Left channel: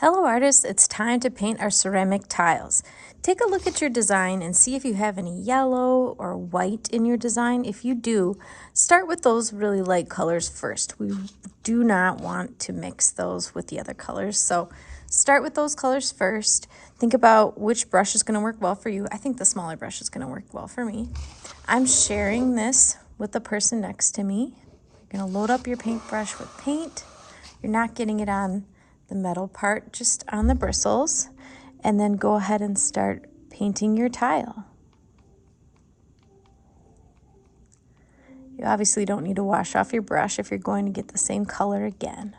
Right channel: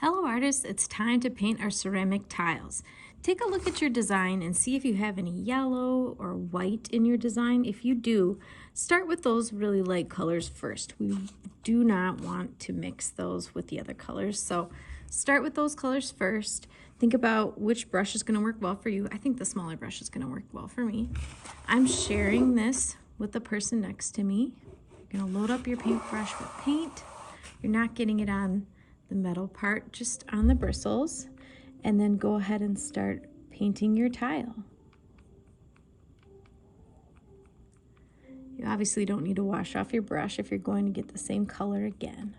Hello artists, it's time to paint our ceramic tiles. Take a look at your design and see if you have any yellow or white in your design. If you do, start with those really light colors first. We do not want to mix those with the other colors, so start with those colors first. Think about which brush is going to work well for you. I think the smaller brush is going to work well for me. I'm sharing this with the person next to me. You're going to load up your paintbrush with paint. You're not getting it on the metal part, just on the bristles, and then go ahead and start painting your tile. You obviously don't need to wash off your brush if you're going to get the same color again.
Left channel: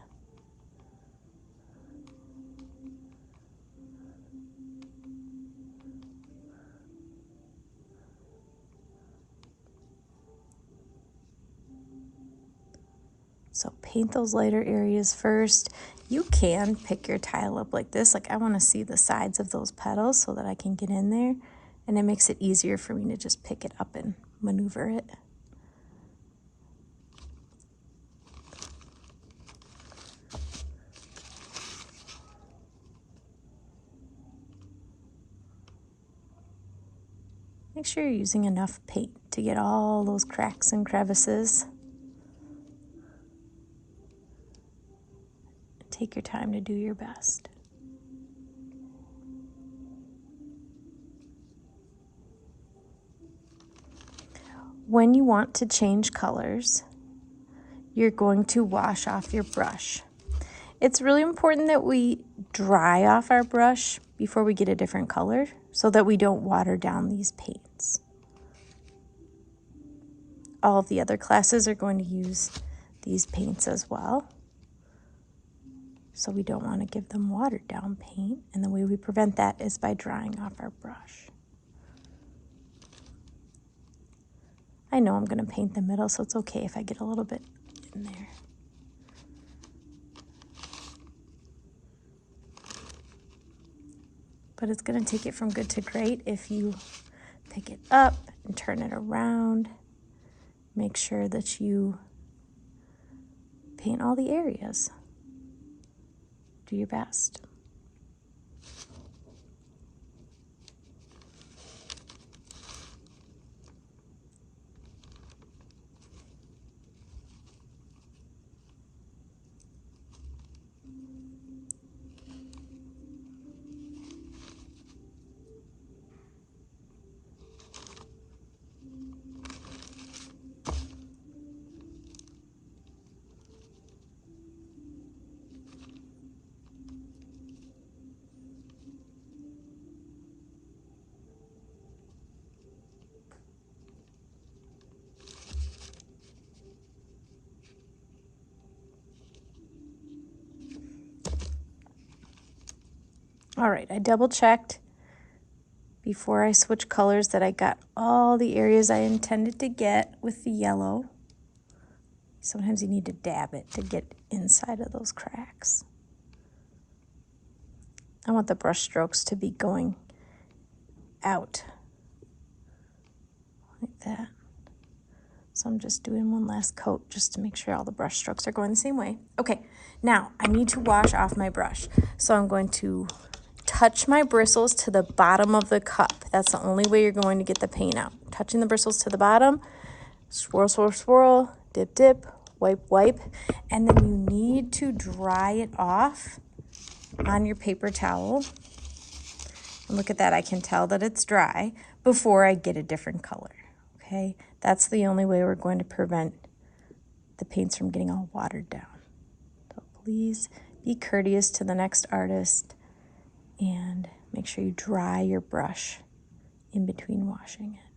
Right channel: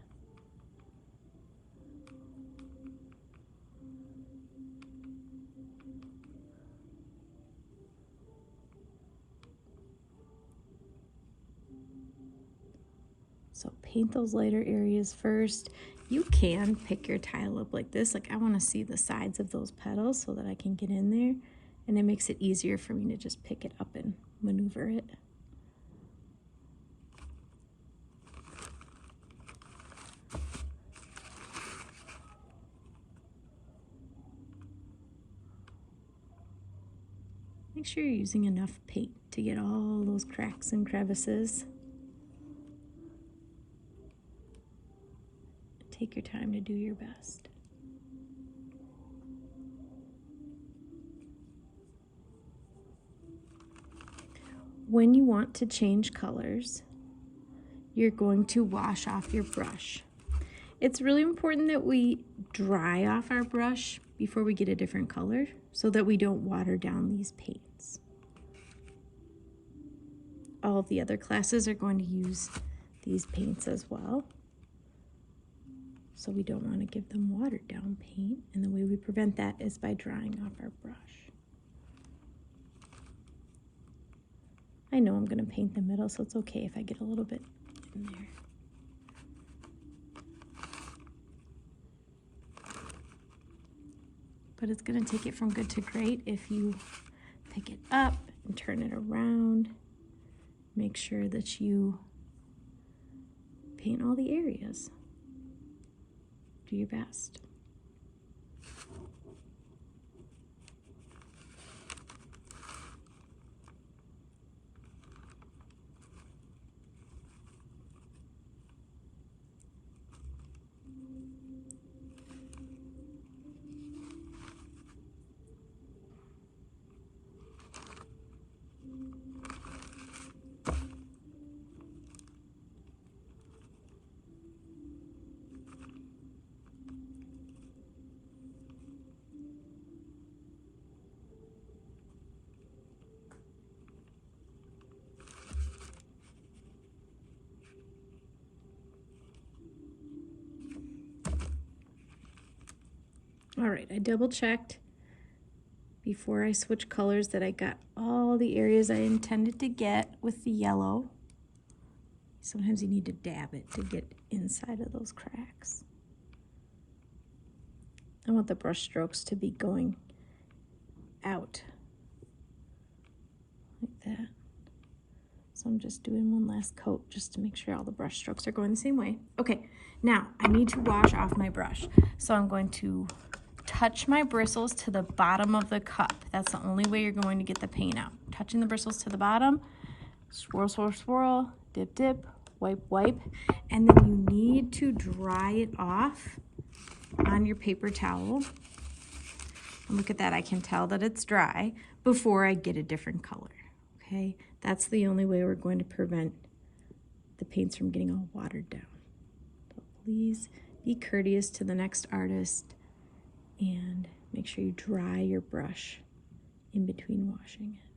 So paint those lighter areas first. You can pick your tile up like this. Like I want to see the sides of those petals so that I can get in there. And it makes it easier for me to just pick it up and maneuver it. Make sure you're using enough paint to get all those cracks and crevices. Take your time to do your best. When you want to change colors, you're going to wash off your brush. It's really important that we dry off our brush before we get a different color so that we don't water down these paints. All of the other classes are going to use these paints as well. So we don't want to give them watered down paint, and the way we prevent that is by drying off our brush. I know I'm going to paint the middle, so it's okay if I get a little bit in there. But it's going to take it from good to great if you pick it up and turn it around. Make sure that you paint all the areas. Do your best. All right, I double checked before I switch colors that I got all the areas I intended to get with the yellow. Sometimes you need to dab it to get inside of those cracks. I want the brush strokes to be going out like that. So I'm just doing one last coat just to make sure all the brush strokes are going the same way. Okay, now I need to wash off my brush. So I'm going to touch my bristles to the bottom of the cup. That's the only way you're going to get the paint out. Touching the bristles to the bottom, swirl, swirl, swirl, dip, dip, wipe, wipe. And then you need to dry it off on your paper towel. And look at that, I can tell that it's dry before I get a different color, okay? That's the only way we're going to prevent the paints from getting all watered down. So please be courteous to the next artist and make sure you dry your brush in between washing it.